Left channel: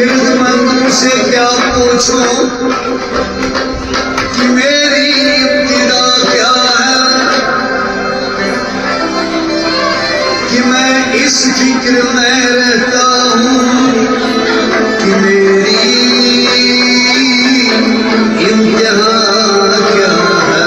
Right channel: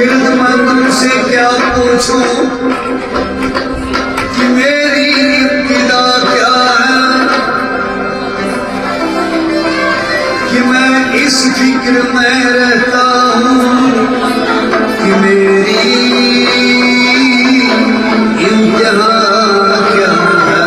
गिरदमंद से क्या पूछूं कि मेरी इब्तिदा क्या है, कि मैं इस फिक्र में रहता हूँ कि मेरी इंतहा क्या है।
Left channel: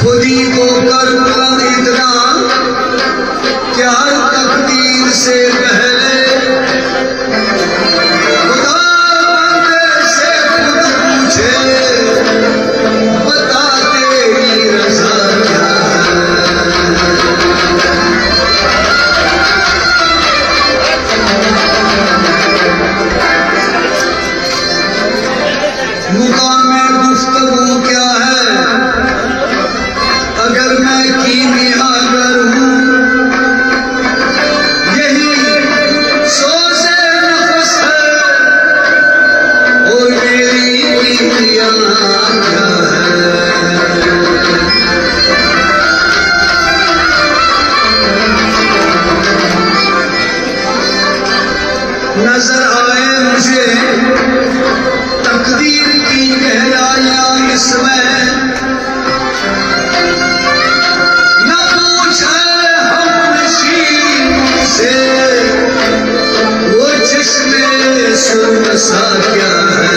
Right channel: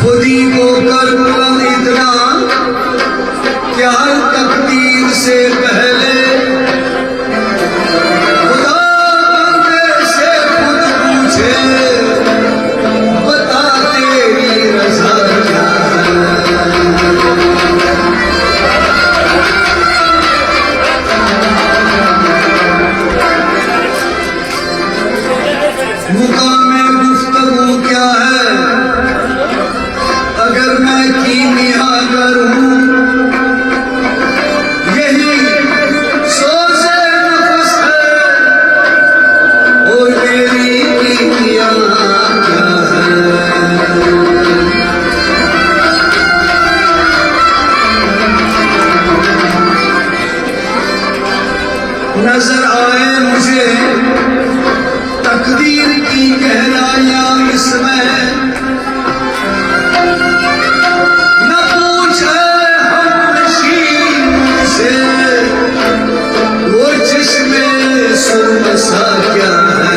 खुदी को करता इतना क्या तकदीर से पहले, खुदा बंदे से खुद पूछे बता तेरी रज़ा क्या है। मुकामे गुफ्तगू क्या है अगर मैं कीमिया करूं, यही सोज़े नफ़्स है और मेरी कीमिया क्या है। नजर आए मुझे तकदीर की गहराइयां इसमें, न पूछे हमनशीं से वो जिसमें सुरमसा क्या है।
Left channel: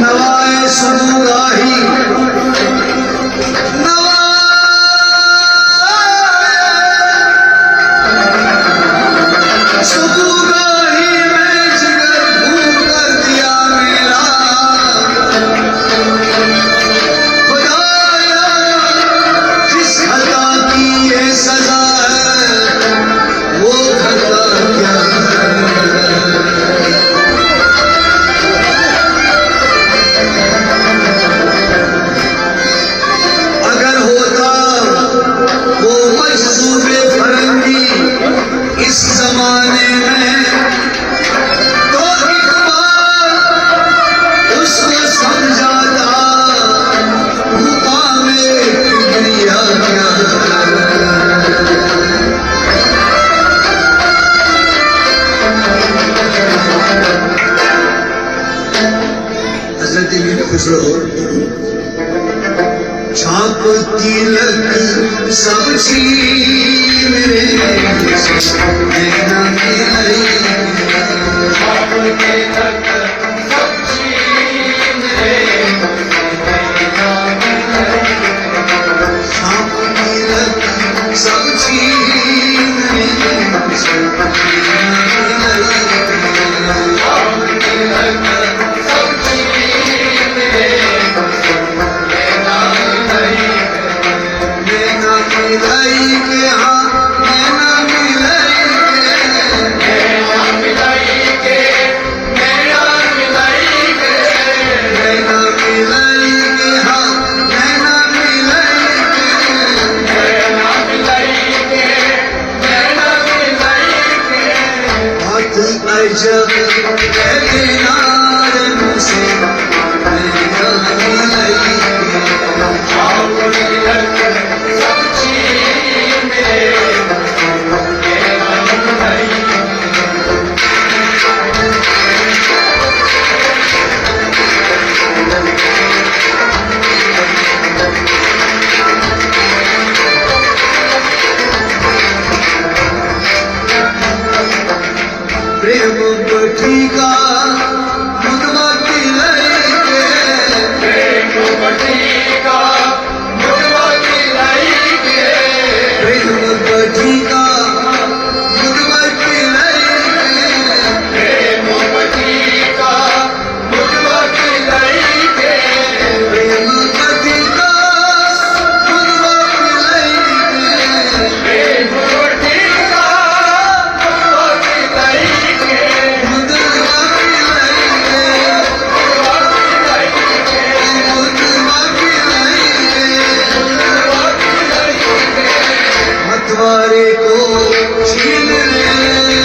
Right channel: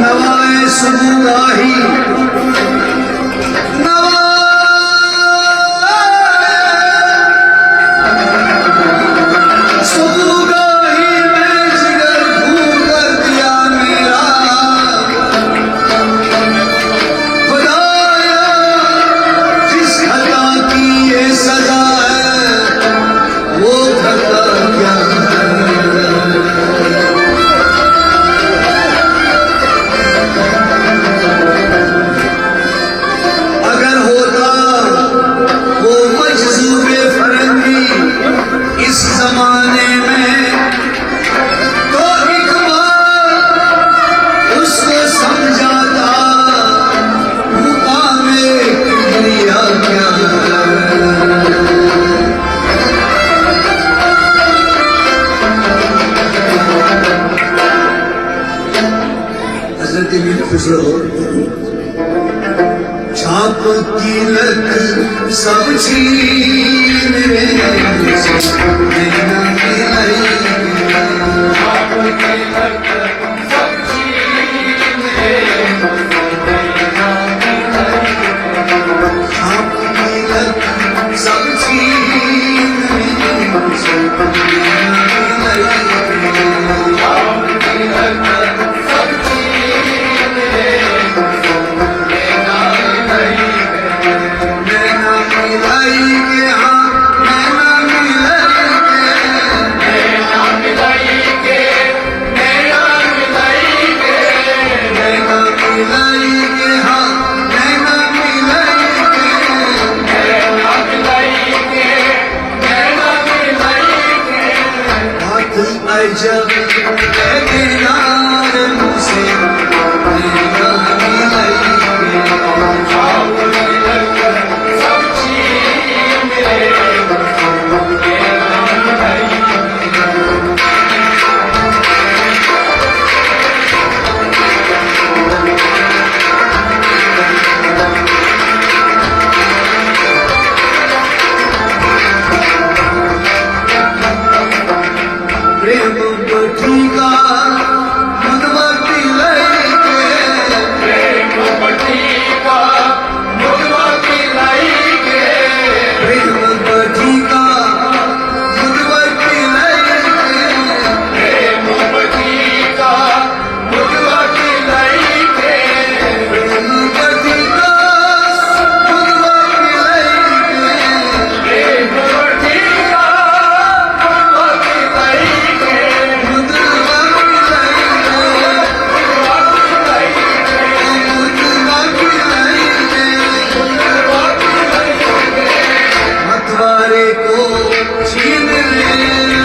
नवाए सुबुगाही इस जमाने में तो इकबाल उसको समझाता मुकामे किबरिया क्या है। हज़रत दिल खुशरो छाप तिलक सब छीन नैना मिलाई, छाप तिलक सब छीन नैना मिलाई, छाप तिलक सब छीन नैना मिलाई, छाप तिलक सब छीन नैना मिलाई के हाँ नैना मिलाई के, नैना मिलाई के, नैना मिलाई के, नैना मिलाई के हाँ नैना मिलाई के, नैना मिलाई के, नैना मिलाई के। बहुत अजब है दीनार मुझसे नैना मिलाई के, छाप तिलक सब छीन नैना मिलाई प्रेम बटिका मुदमती लैके, प्रेम बटिका मुदमती लैके, प्रेम बटिका मुदमती लैके, प्रेम बटिका मुदमती लैके, प्रेम बटिका मुदमती लैके, प्रेम बटिका मतवारे को छीन ले।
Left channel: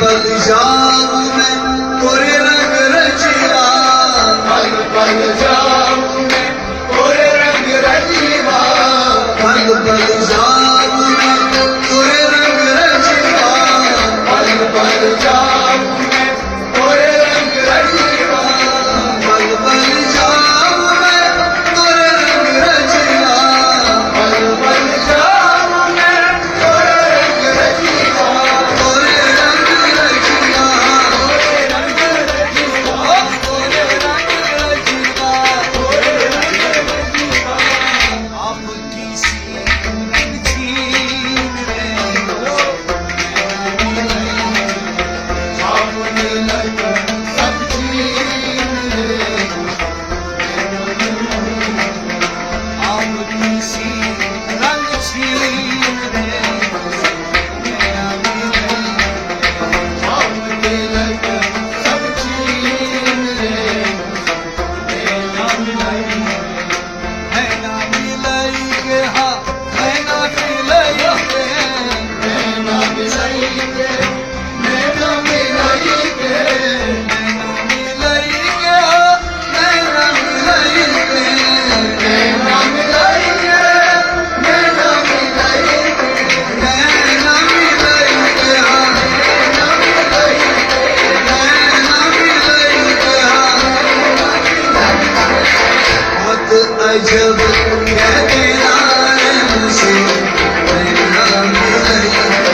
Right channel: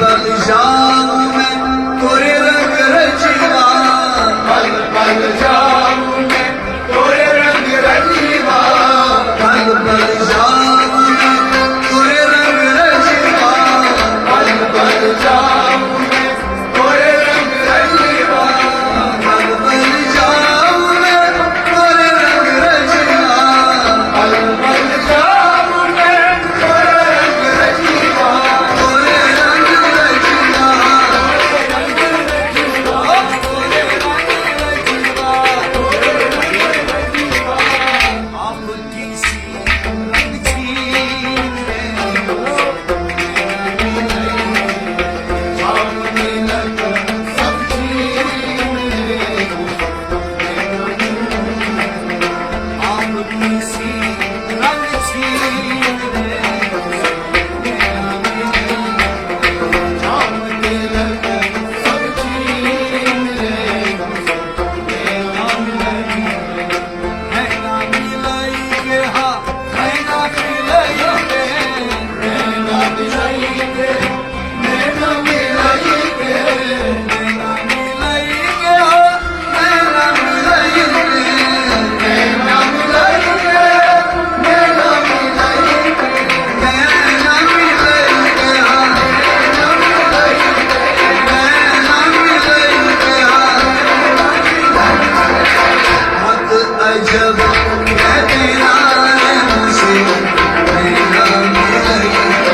पल जाऊं मैं तोरे रंग रचवा, पल पल जाऊं मैं तोरे रंग रचवा, पल पल जाऊं मैं तोरे रंग रचवा, पल पल जाऊं मैं तोरे रंग रचवा, पल पल जाऊं मैं तोरे रंग रचवा, पल पल जाऊं मैं तोरे रंग रचवा, तोरे रंग रचवा, तोरे रंग रचवा, तोरे रंग रचवा। आपकी सी रंग छीन रे, सामने लगा सब चीज़ आपकी सी रंग छीन रे, सामने लगा सब चीज़ है ना मिलाई के हाँ है ना मिलाई के, नैना मिलाइके, नैना मिलाइके, नैना मिलाई के हाँ नैना मिलाई के, नैना मिलाइके, नैना मिलाइके, नैना मिलाई के हाँ नैना मिलाइके, नैना मिलाई के हाँ। मत अजब है तेरा मुझसे नैना मिलाई के।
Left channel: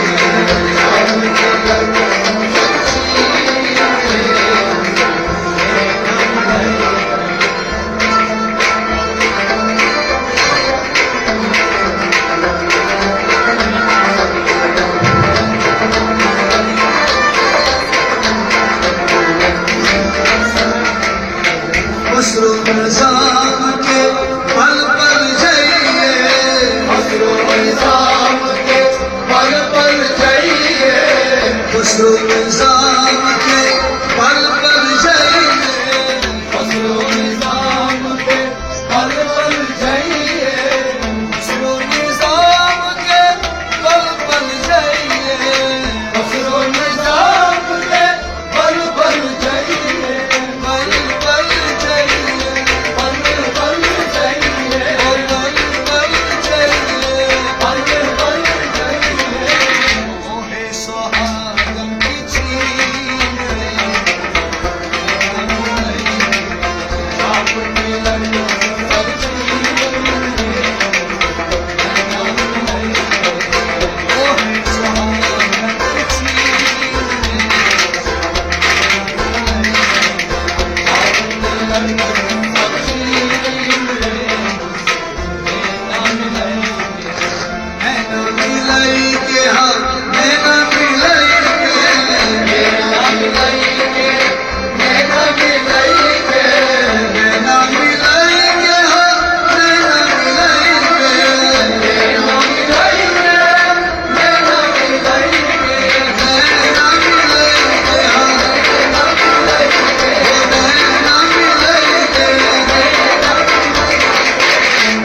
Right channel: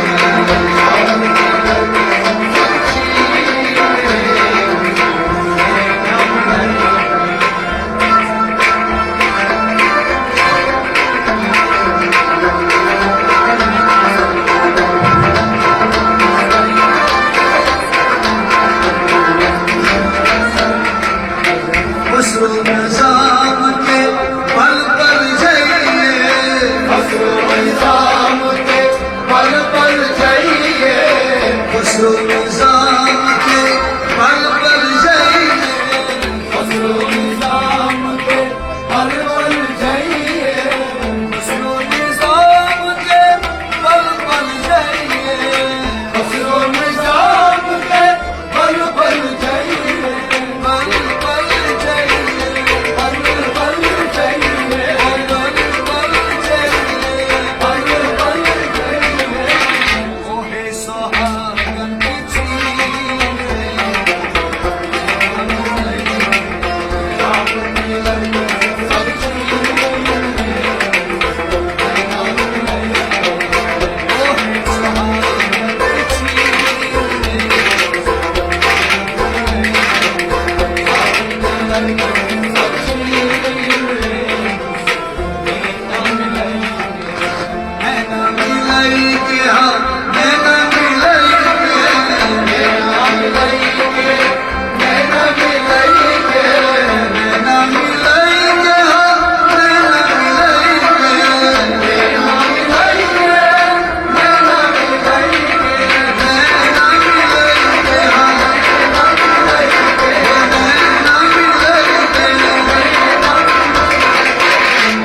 मसरूम निजाम के पल पल जाइए, मसरूम निजाम के पल पल जाइए, मसरूम निजाम के पल पल जाइए, मसरूम निजाम के पल पल जाइए, मसरूम निजाम के पल पल जाइए, मसरूम निजाम के पल पल जाइए, पल पल जाइए, पल पल जाइए, पल पल जाइए। पल पल जाइए, ओहे सुहागन की छीन रे, सामने लगा सब चीज़ ओहे सुहागन की छीन रे, सब चीज़ है ना मिलाई के हाँ है ना मिलाई के, नैना मिलाइके, नैना मिलाइके, नैना मिलाई के हाँ नैना मिलाई के, नैना मिलाइके, नैना मिलाइके, नैना मिलाई के हाँ नैना मिलाइके, नैना मिलाई के।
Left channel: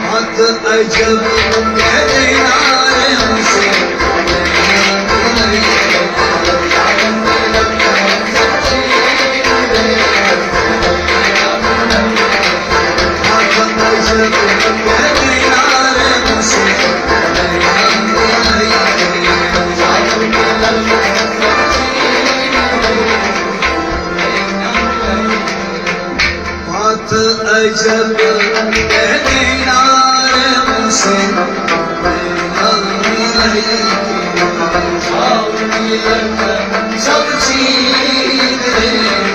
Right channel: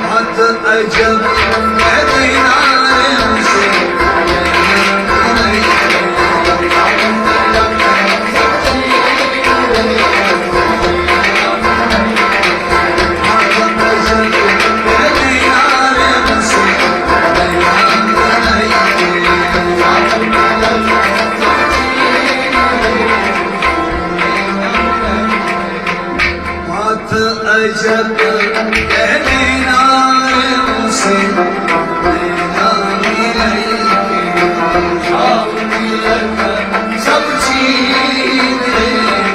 मत अजब है तेरा मुझसे नैना मिलाई के। अजब कह देना मुझसे नैना मिलाई के। सब चीज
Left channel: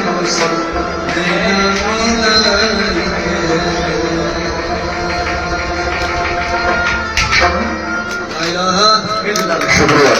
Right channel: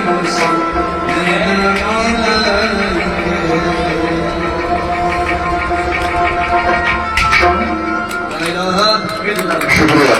मुझसे नैना मिलाई के। ला इलाहा इल्लल्लाह।